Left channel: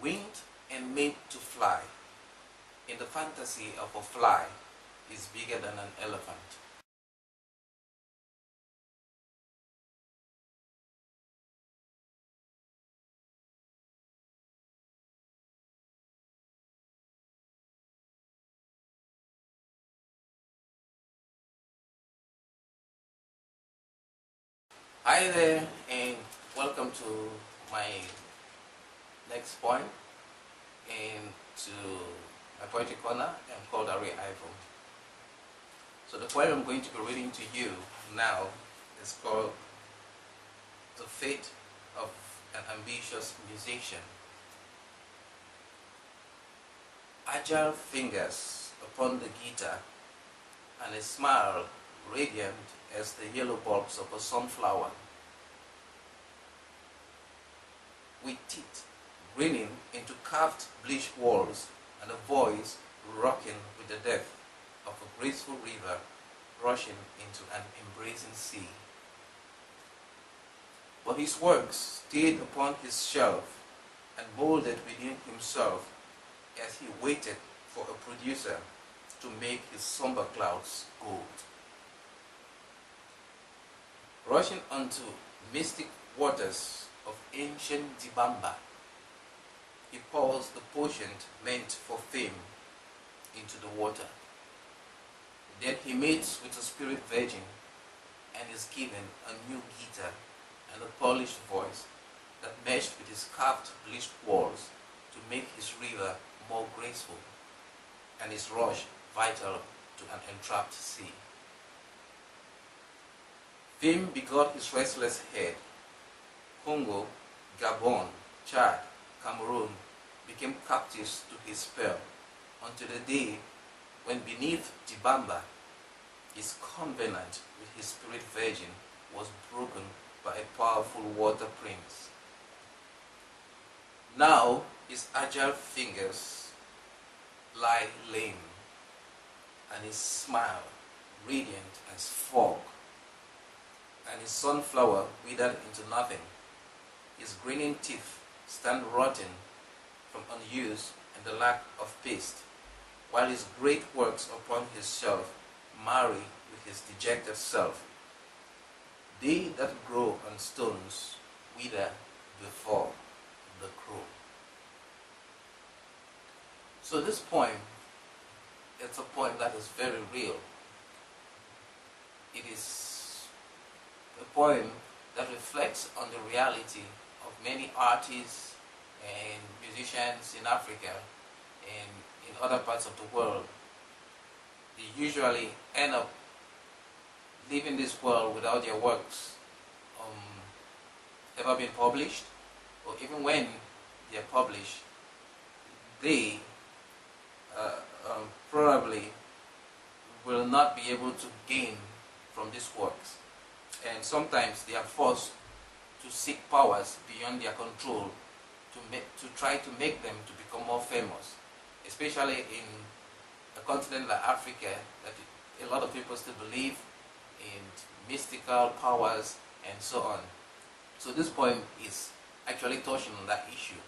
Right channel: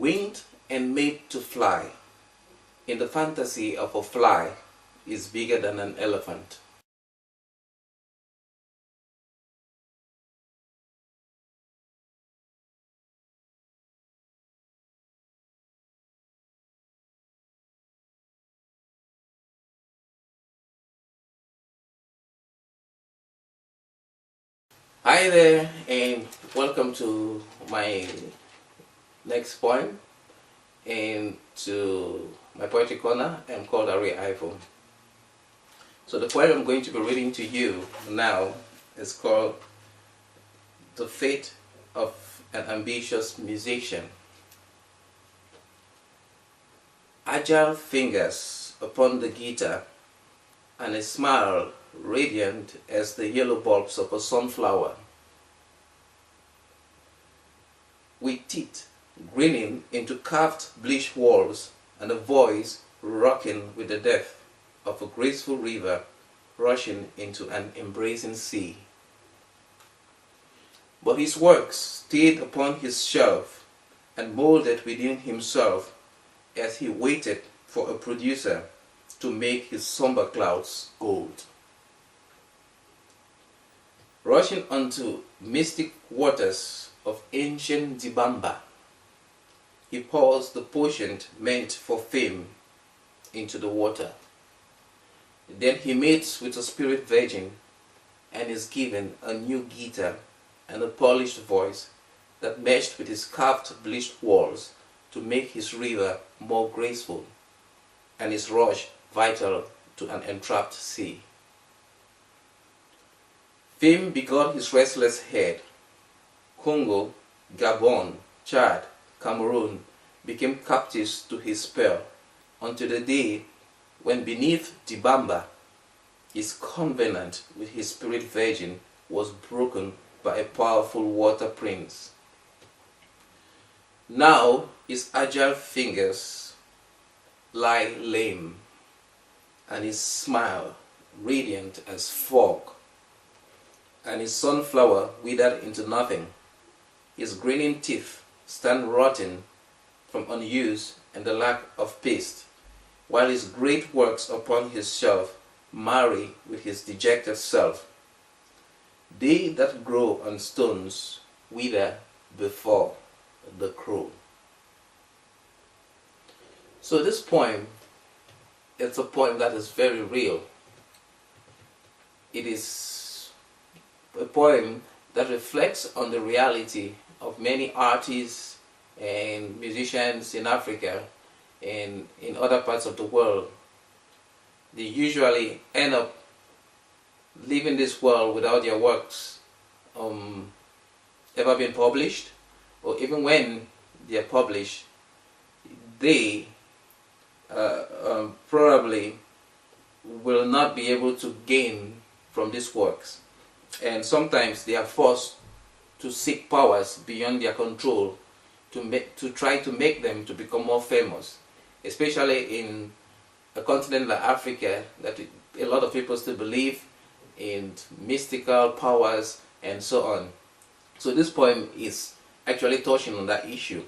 Winged and made to fly, in the fantasy of a fly, is bigger than an elephant. Hi there, and welcome to my next poem, and to my poetry corner. I'm called Arrey Ivo. So the poem I'm going to be reading to you now is called The Fate of an Ambitious Musician. Agile fingers upon the guitar, and a smile radiant as the yellow bulbs of a sunflower. With teeth grinning into carved bleached walls, and a voice rocking with the depth of a graceful river rushing into an embracing sea. But his works stayed upon his shelf and molded within himself as he waited for a producer to make his somber clouds gold. Rushing onto mystic waters of ancient Dibamba, he pours the potion meant for fame into the water. Then he mates with a spirit virgin and is given a new guitar and a polished voice that meshed with his carved bleached walls to make his river more graceful and his rush vital to an entrapped sea. Fame begot his restless head. Congo, Gabon, Chad, Cameroon became captives to his spell, until the day when beneath Dibamba, his covenant with his spirit virgin was broken by a powerful water prince. Now his agile fingers lie lame, and his smile radiant as fog, and his sunflower withered into nothing. His grinning teeth stand rotten from unuse and the lack of paste, while his great works upon his shelf marry with his dejected self. They that grow on stones wither before the crow. So this poem, it's a poem that is very real. It is a poem that reflects on the reality of many artists and musicians in Africa and in other parts of the world. They usually end up leaving this world without their works ever being published, or even when they are published, they probably will not be able to gain from these works, and sometimes they are forced to seek powers beyond their control to try to make them to become more famous, especially in a continent like Africa, that a lot of people still believe in mystical powers and so on. So this poem is actually touching on that issue,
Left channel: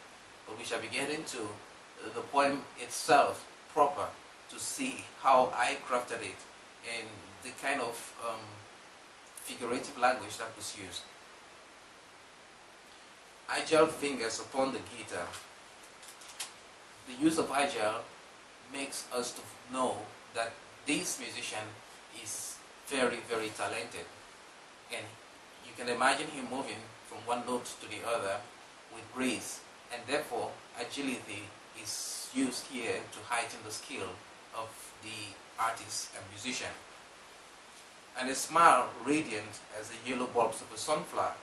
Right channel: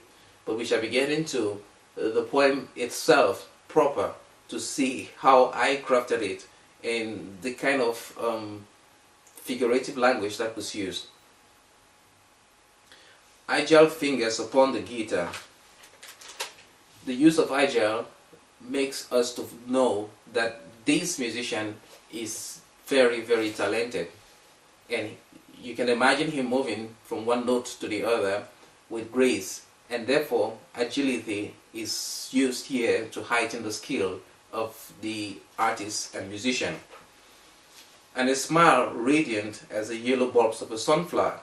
but we shall be getting to the poem itself proper to see how I crafted it and the kind of figurative language that was used. Agile fingers upon the guitar. The use of agile makes us to know that this musician is very, very talented, and you can imagine him moving from one note to the other with grace, and therefore agility is used here to heighten the skill of the artist and musician. And a smile radiant as the yellow bulbs of a sunflower.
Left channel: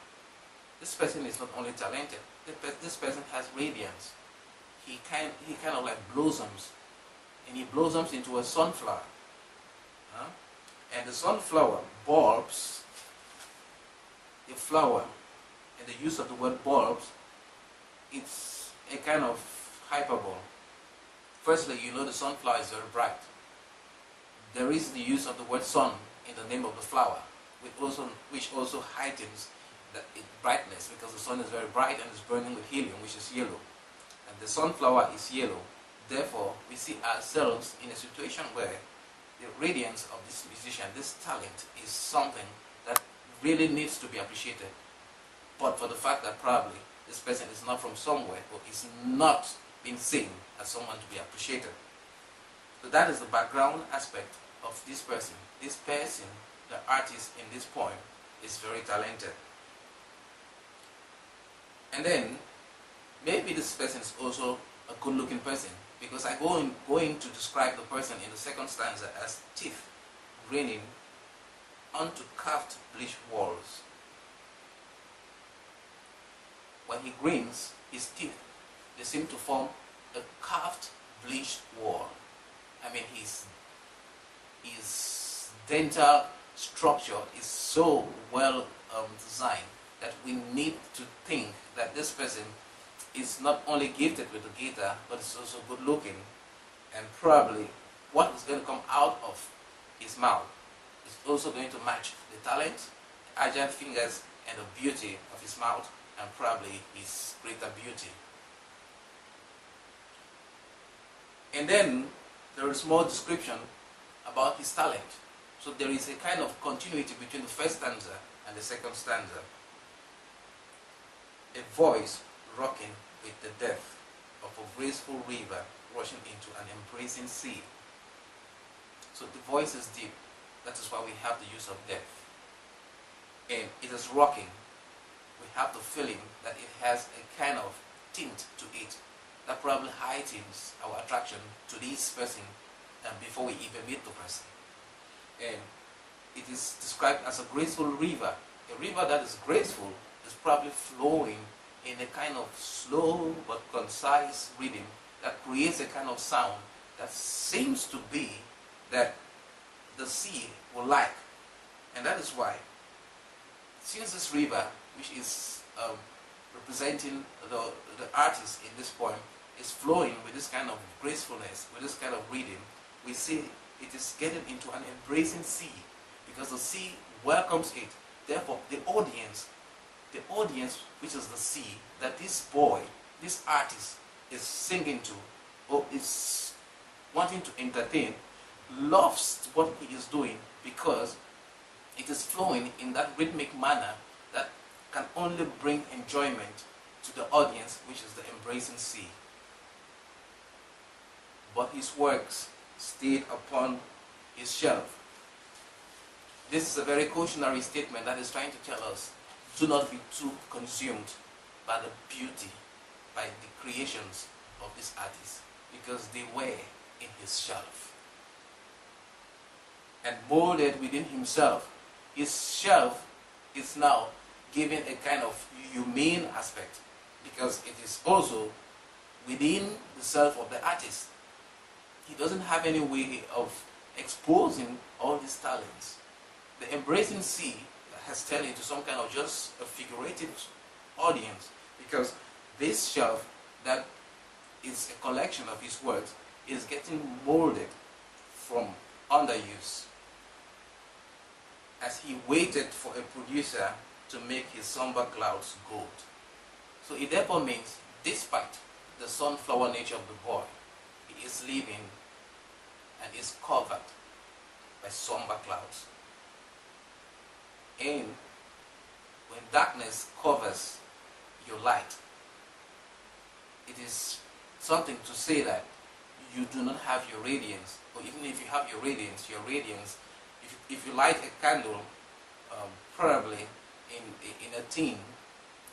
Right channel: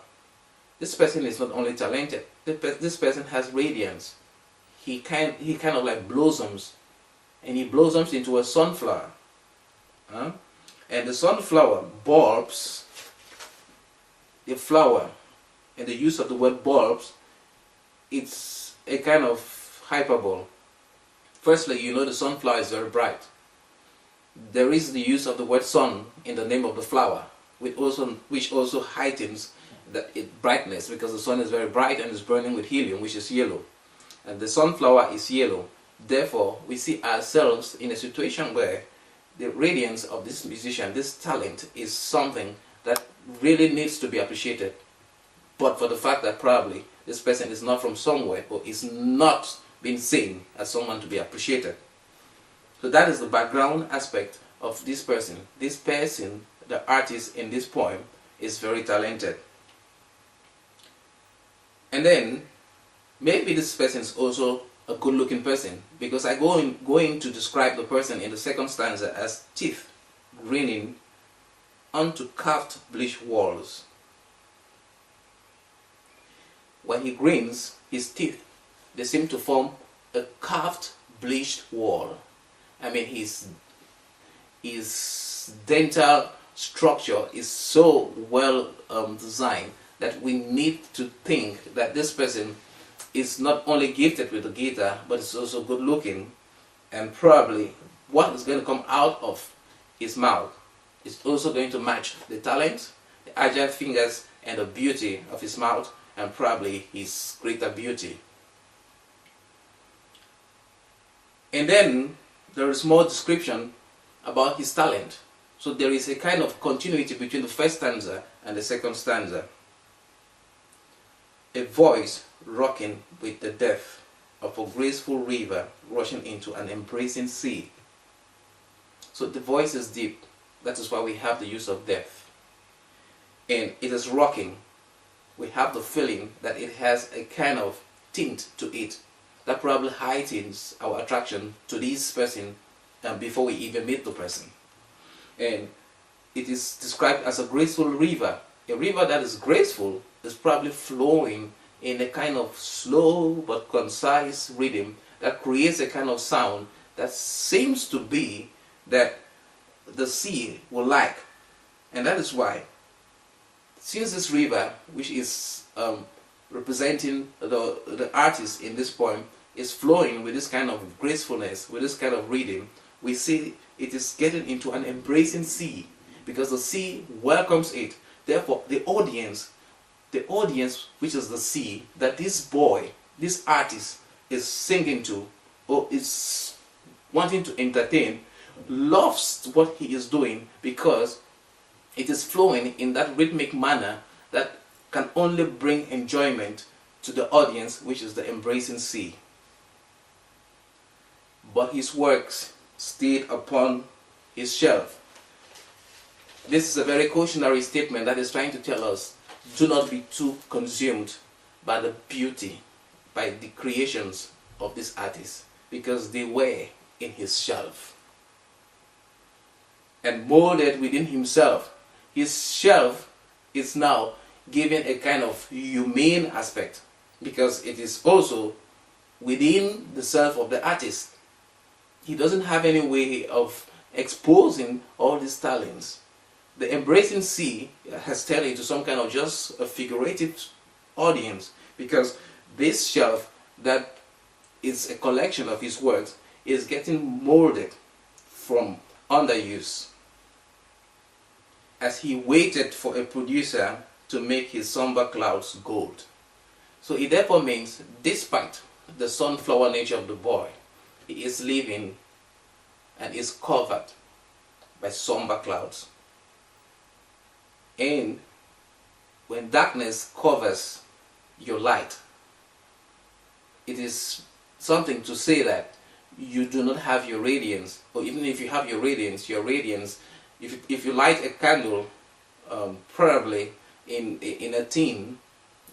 This person is not only talented, this person has radiance. He kind of like blossoms, and he blossoms into a sunflower. And the sunflower bulbs, the flower, and the use of the word bulbs, it's a kind of hyperbole. Firstly, you know the sunflower is very bright. There is the use of the word sun in the name of the flower, which also heightens its brightness, because the sun is very bright and is burning with helium, which is yellow. and the sunflower is yellow. Therefore, we see ourselves in a situation where the radiance of this musician, this talent, is something that really needs to be appreciated. But for the fact that probably this person is not from somewhere, or is not being seen as someone to be appreciated. So that is the background aspect of this person. This person, the artist in this poem, is very talented. And then, maybe this person is also a good-looking person, because I going to describe the person in the second stanza as teeth grinning onto carved bleached walls. When he grins, his teeth, they seem to form a carved bleached wall. I mean, his dental structure is so well designed that we need to think that this person is not only gifted with the guitar, but is also good looking, and probably what is going to come out of his mouth is also going to match the talent, the agile fingers, and the beauty of his mouth, and probably his greater beauty. And then there is more description about his talent. So there is a kind of continuity between the first stanza and the second stanza. A voice rocking with the depth of a graceful river rushing into an embracing sea. So the voice is deep. That is why we have the use of depth. And it is rocking. We have the feeling that it has a kind of tint to it that probably heightens our attraction to this person before we even meet the person. And it is described as a graceful river. A river that is graceful is probably flowing in a kind of slow but concise rhythm that creates a kind of sound that seems to be that the sea will like. And that is why, since this river, which is representing the artist in this poem, is flowing with this kind of gracefulness, with this kind of rhythm, we see it is getting into an embracing sea, because the sea welcomes it. Therefore, the audience, which is the sea, that this boy, this artist is singing to, or is wanting to entertain, loves what he is doing, because it is flowing in that rhythmic manner that can only bring enjoyment to the audience, which is the embracing sea. But his works stayed upon his shelf. This is a very cautionary statement that is trying to tell us, do not be too consumed by the beauty, by the creations of this artist, because they were in his shelf and molded within himself. His shelf is now given a kind of humane aspect, because it is also within the self of the artist. He doesn't have any way of exposing all these talents. The embracing sea has turned into some kind of just a figurative audience, because this shelf that is a collection of his works is getting molded from underuse, as he waited for a producer to make his somber clouds gold. So it therefore means, despite the sunflower nature of the boy, he is living and is covered by somber clouds. And when darkness covers your light, it is something to say that you do not have your radiance, or even if you have your radiance, if you light a candle, probably in a tin,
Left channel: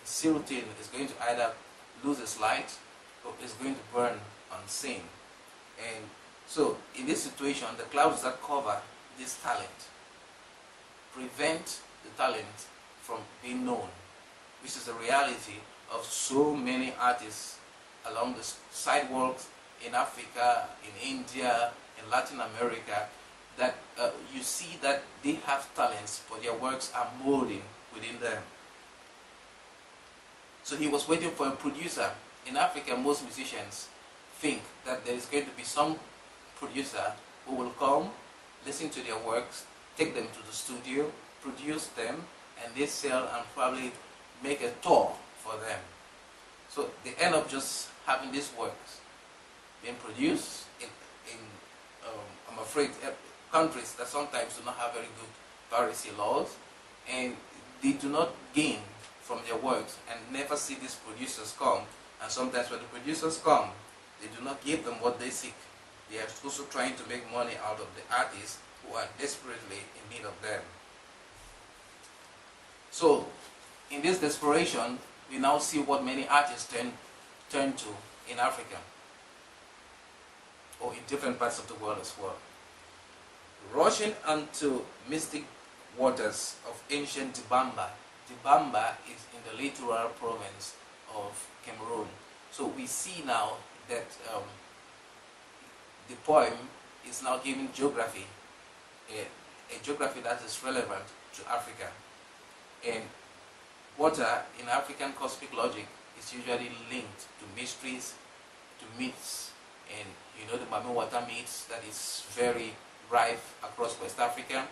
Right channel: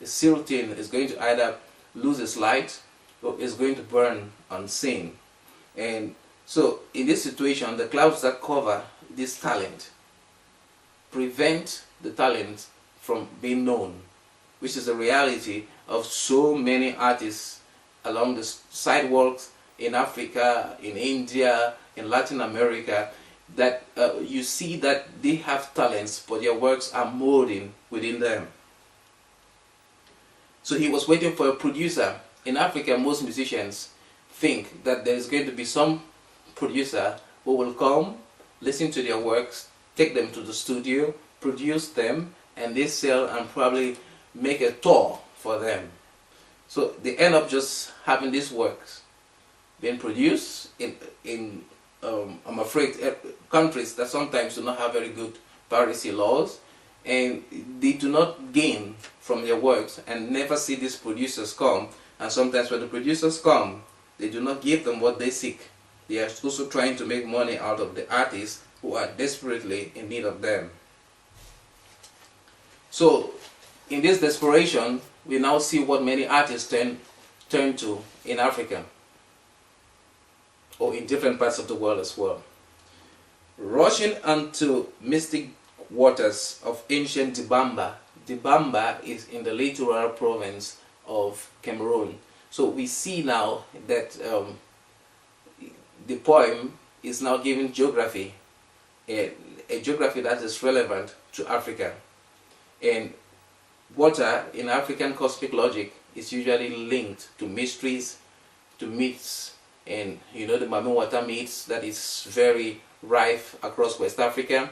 the seal tin is going to either lose its light or is going to burn unseen. And so in this situation, the clouds that cover this talent prevent the talent from being known, which is the reality of so many artists along the sidewalks in Africa, in India, in Latin America, that you see that they have talents, but their works are molding within them. So he was waiting for a producer. In Africa, most musicians think that there is going to be some producer who will come, listen to their works, take them to the studio, produce them, and they sell and probably make a tour for them. So they end up just having these works being produced in I'm afraid, countries that sometimes do not have very good piracy laws, and they do not gain from their works and never see these producers come. And sometimes when the producers come, they do not give them what they seek. They are also trying to make money out of the artists who are desperately in need of them. So in this desperation, we now see what many artists turn to in Africa, or in different parts of the world as well. Rushing onto mystic waters of ancient Dibamba. Dibamba is in the littoral province of Cameroon. So we see now that the poem is now giving geography, a geography that is relevant to Africa. And water in African cosmic logic is usually linked to mysteries, to myths, and you know the Mame water myths that is very rife across West Africa.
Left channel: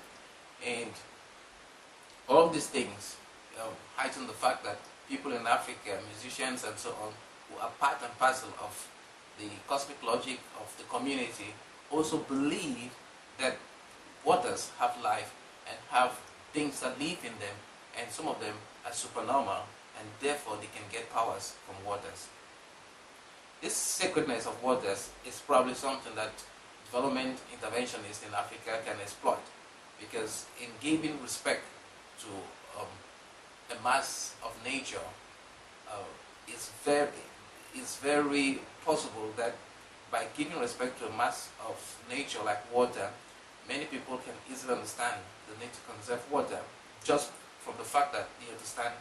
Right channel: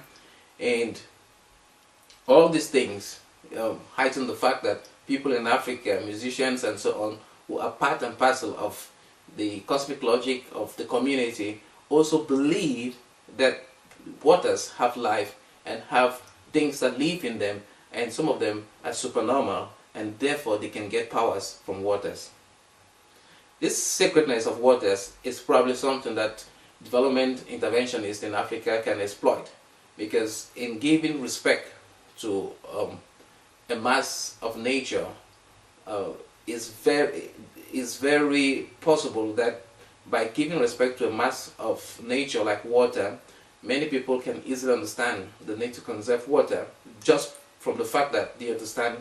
And all these things heighten the fact that people in Africa, musicians and so on, who are part and parcel of the cosmic logic of the community, also believe that waters have life and have things that live in them, and some of them are supernormal, and therefore they can get powers from waters. This sacredness of waters is probably something that development interventionists in Africa can exploit, because in giving respect to a mass of nature, is very possible that by giving respect to a mass of nature like water, many people can easily understand the need to conserve water just from the fact that they understand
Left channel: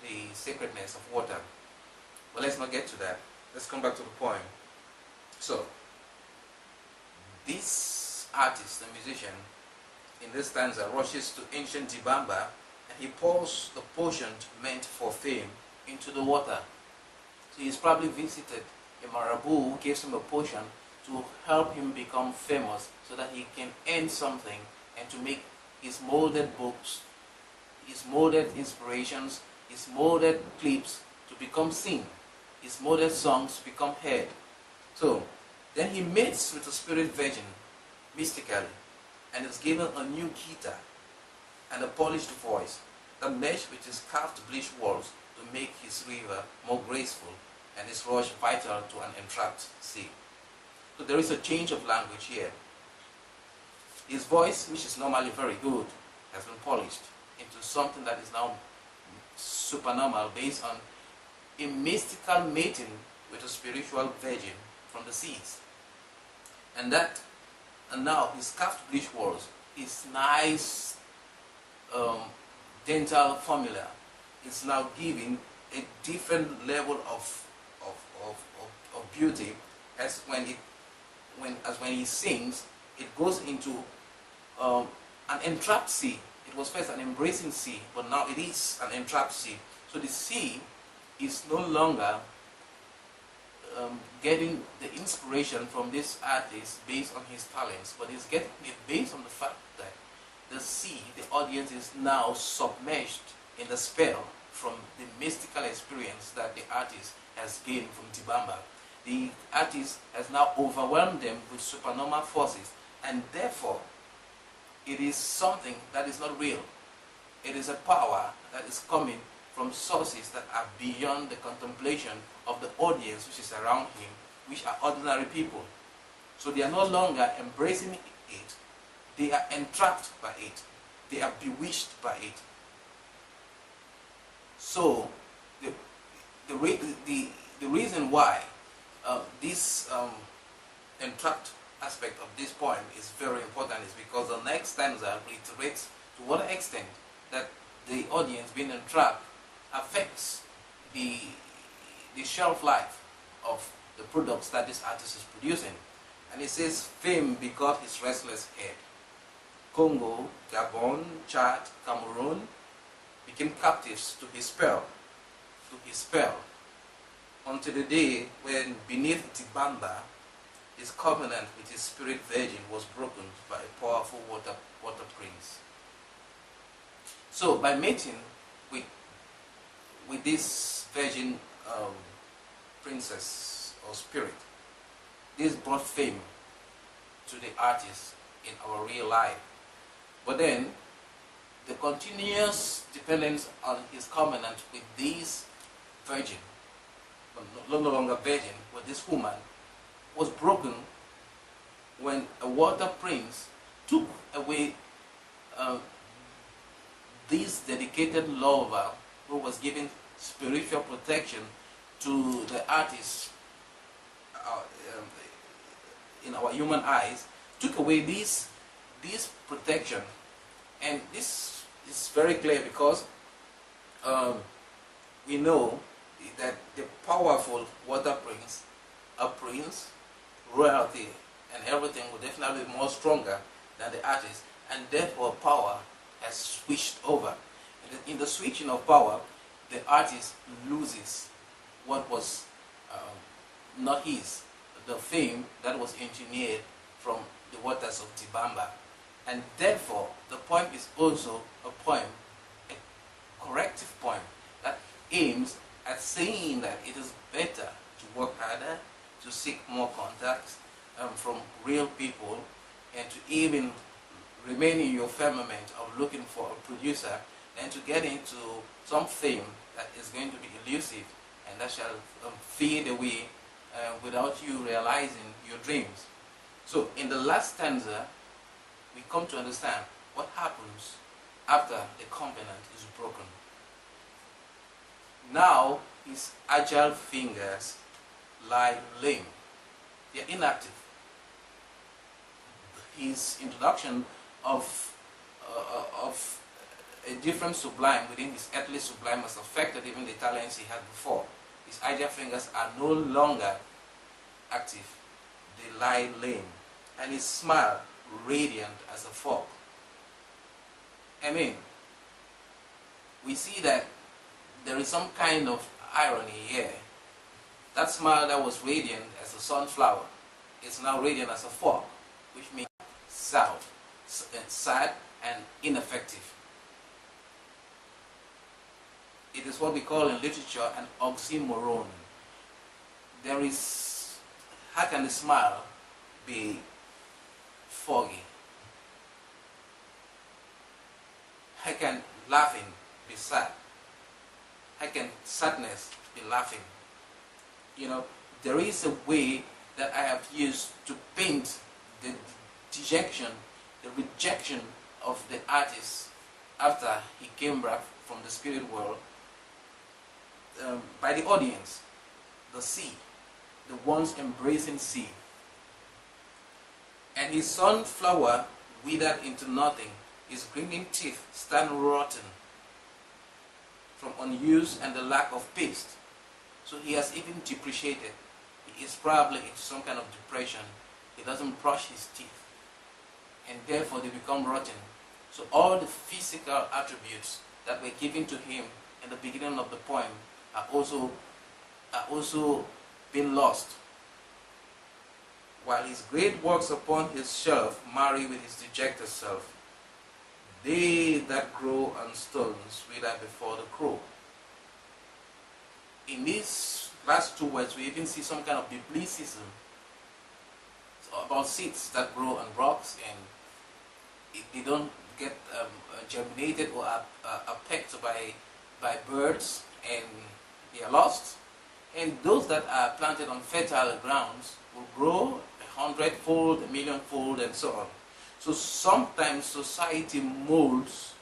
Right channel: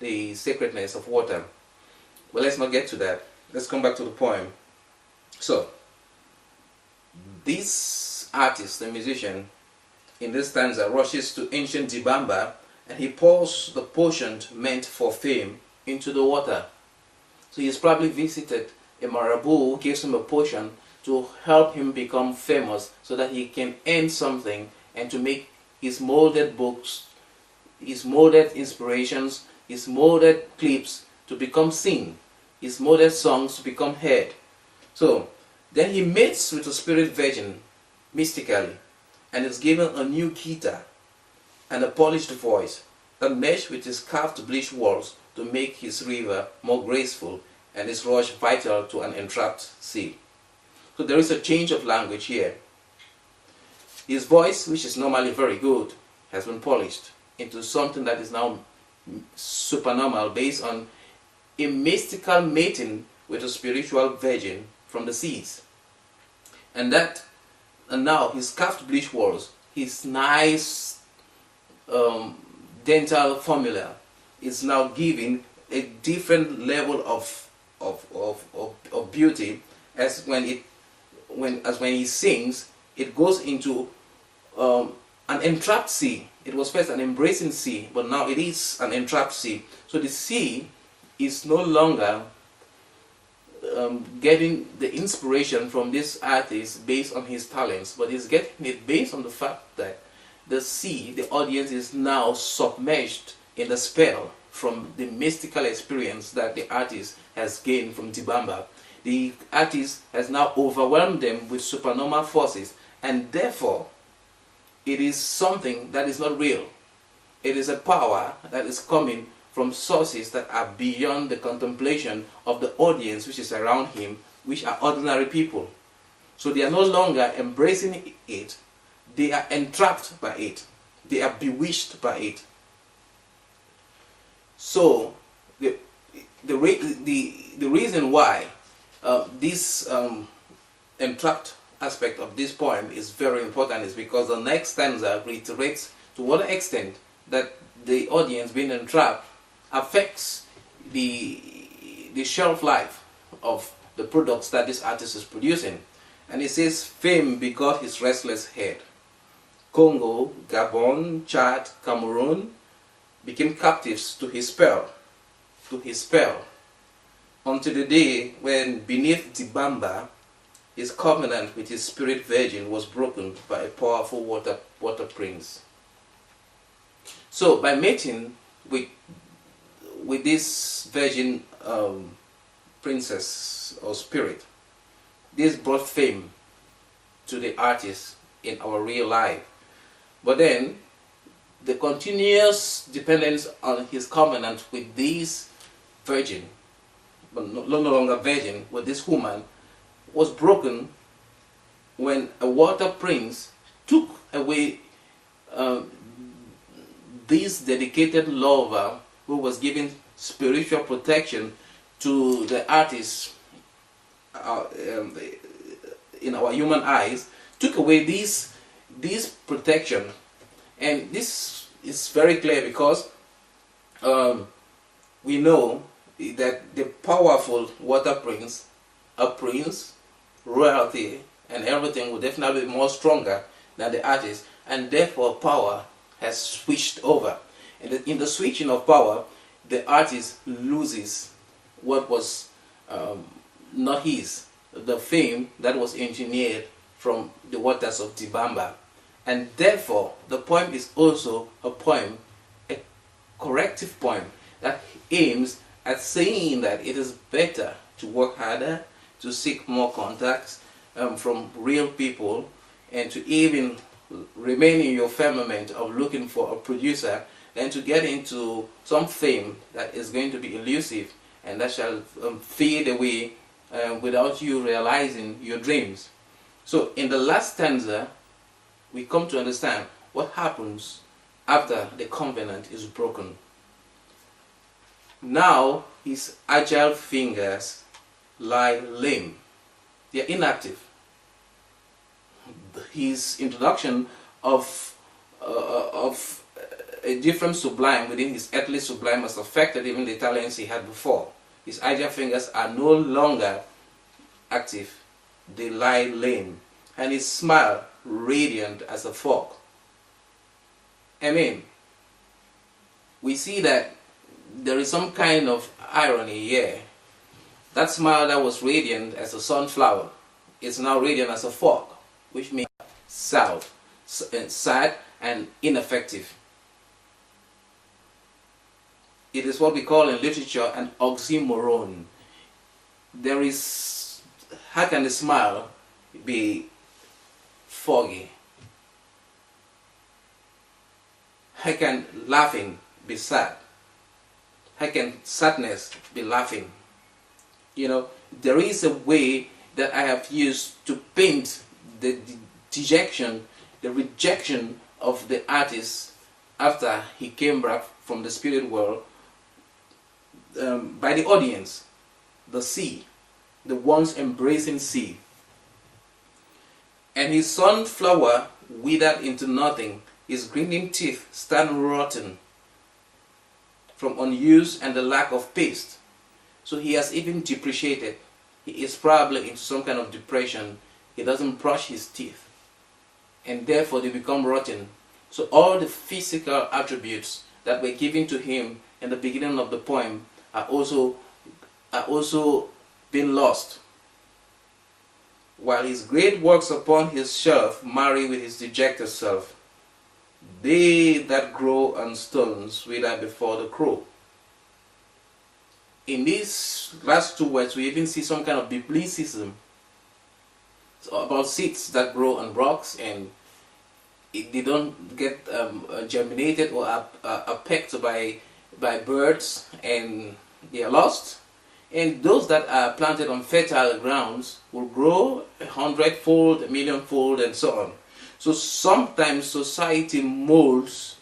the sacredness of water. But let's not get to that. Let's come back to the poem. So, this artist, the musician, in this stanza rushes to ancient Dibamba, and he pours the potion meant for fame into the water. So he's probably visited a Marabu who gives him a potion to help him become famous, so that he can earn something and to make his molded books, his molded inspirations, his molded clips to become seen, his molded songs to become heard. So then he mates with a spirit virgin mystically, and is given a new guitar and a polished voice that mesh with his carved bleached walls to make his river more graceful and his rush vital to an entrapped sea. So there is a change of language here. His voice, which is normally very good, has been polished into something that is now supernormal, based on a mystical mating with a spiritual virgin from the seas. And now his carved bleached walls, his nice dental formula, is now giving a different level of beauty, as when he sings, it goes into an entrapped sea. It was first an embracing sea, but now it is an entrapped sea. So the sea is no longer getting the inspiration from this artist based on his talents, but is getting it based on the fact that the sea, the audience, is now submerged in the spell from the mystical experience that the artist has gained from Dibamba. The artist has now overwhelmed them with supernormal forces, and therefore it is something that is not real. It is a power that is coming from sources that are beyond the contemplation of the audience which is around him, which are ordinary people. So they are no longer embracing it, they are entrapped by it, they are bewitched by it. So the reason why this entrapped aspect of this poem is very important is because the next stanza reiterates to what extent that the audience being entrapped affects the shelf life of the products that this artist is producing. And it says, fame begot his restless head. Congo, Gabon, Chad, Cameroon became captives to his spell, until the day when beneath Dibamba, his covenant with his spirit virgin was broken by a powerful water prince. So by mating with this virgin princess or spirit. This brought fame to the artist in our real life. But then, the continuous dependence on his covenant with this virgin, but no longer virgin, with this woman, was broken when a water prince took away this dedicated lover who was giving spiritual protection to the artist in our human eyes, took away this protection. And this is very clear because we know that the powerful water prince, a prince, royalty, and everything will definitely be more stronger than the artist, and therefore power has switched over. And in the switching of power, the artist loses what was not his, the fame that was engineered from the waters of Dibamba. And therefore, the poem is also a poem, a corrective poem that aims at saying that it is better to work harder, to seek more contacts from real people, and to even remain in your firmament of looking for a producer than to get into some fame that is going to be elusive and that shall fade away without you realizing your dreams. So in the last stanza, we come to understand what happens after the covenant is broken. Now his agile fingers lie lame. They are inactive. His introduction of a different sublime within his earthly sublime has affected even the talents he had before. His agile fingers are no longer active. They lie lame. And his smile radiant as a fog. I mean, we see that there is some kind of irony here. That smile that was radiant as a sunflower is now radiant as a fog, which means sad and ineffective. It is what we call in literature an oxymoron. There is, how can the smile be foggy? How can laughing be sad? How can sadness be laughing? You know, there is a way that I have used to paint the dejection, the rejection of the artist after he came back from the spirit world by the audience, the sea, the once embracing sea. And his sunflower withered into nothing, his grinning teeth stand rotten from unuse and the lack of paste. So he has even depreciated. He is probably in some kind of depression. He doesn't brush his teeth, and therefore they become rotten. So all the physical attributes that were given to him in the beginning of the poem are also been lost, while his great works upon his shelf marry with his dejected self. They that grow on stones wither before the crow. In these last two words, we even see some kind of biblicism about seeds that grow on rocks, and they don't get germinated or are pecked by birds, and they are lost. And those that are planted on fertile grounds will grow 100-fold, 1,000,000-fold, and so on. So sometimes society molds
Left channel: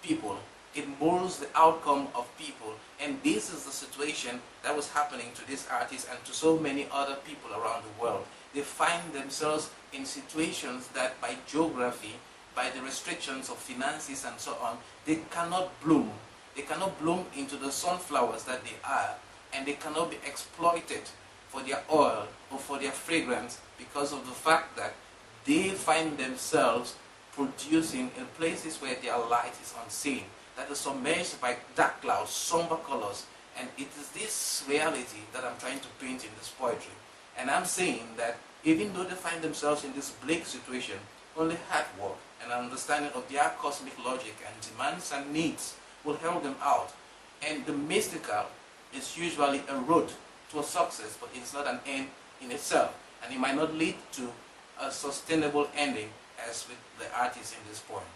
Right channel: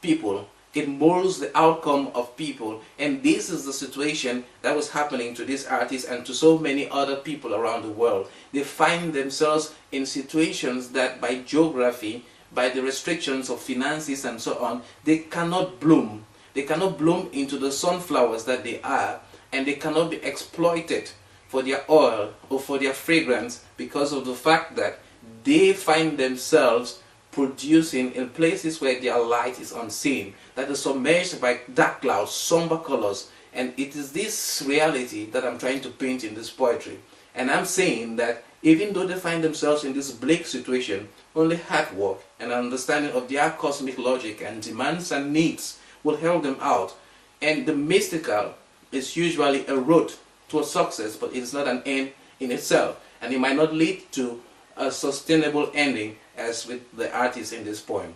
people. It molds the outcome of people. And this is the situation that was happening to this artist and to so many other people around the world. They find themselves in situations that by geography, by the restrictions of finances and so on, they cannot bloom. They cannot bloom into the sunflowers that they are, and they cannot be exploited for their oil or for their fragrance because of the fact that they find themselves producing in places where their light is unseen, that is submerged by dark clouds, somber colors. And it is this reality that I'm trying to paint in this poetry. And I'm saying that even though they find themselves in this bleak situation, only hard work and an understanding of their cosmic logic and demands and needs will help them out. And the mystical is usually a road towards success, but it's not an end in itself, and it might not lead to a sustainable ending as with the artist in this poem.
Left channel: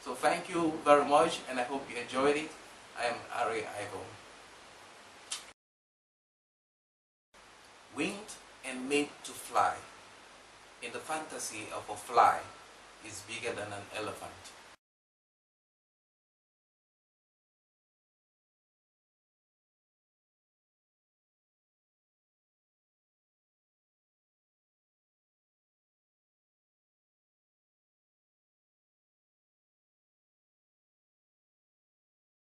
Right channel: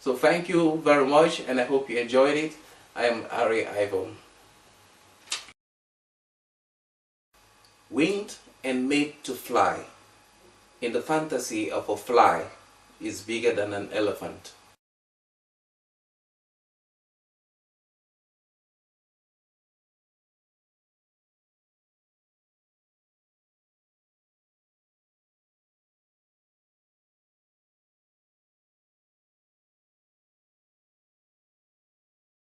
So thank you very much, and I hope you enjoyed it. I am Arrey Ivo. Winged and made to fly. In the fantasy of a fly is bigger than an elephant.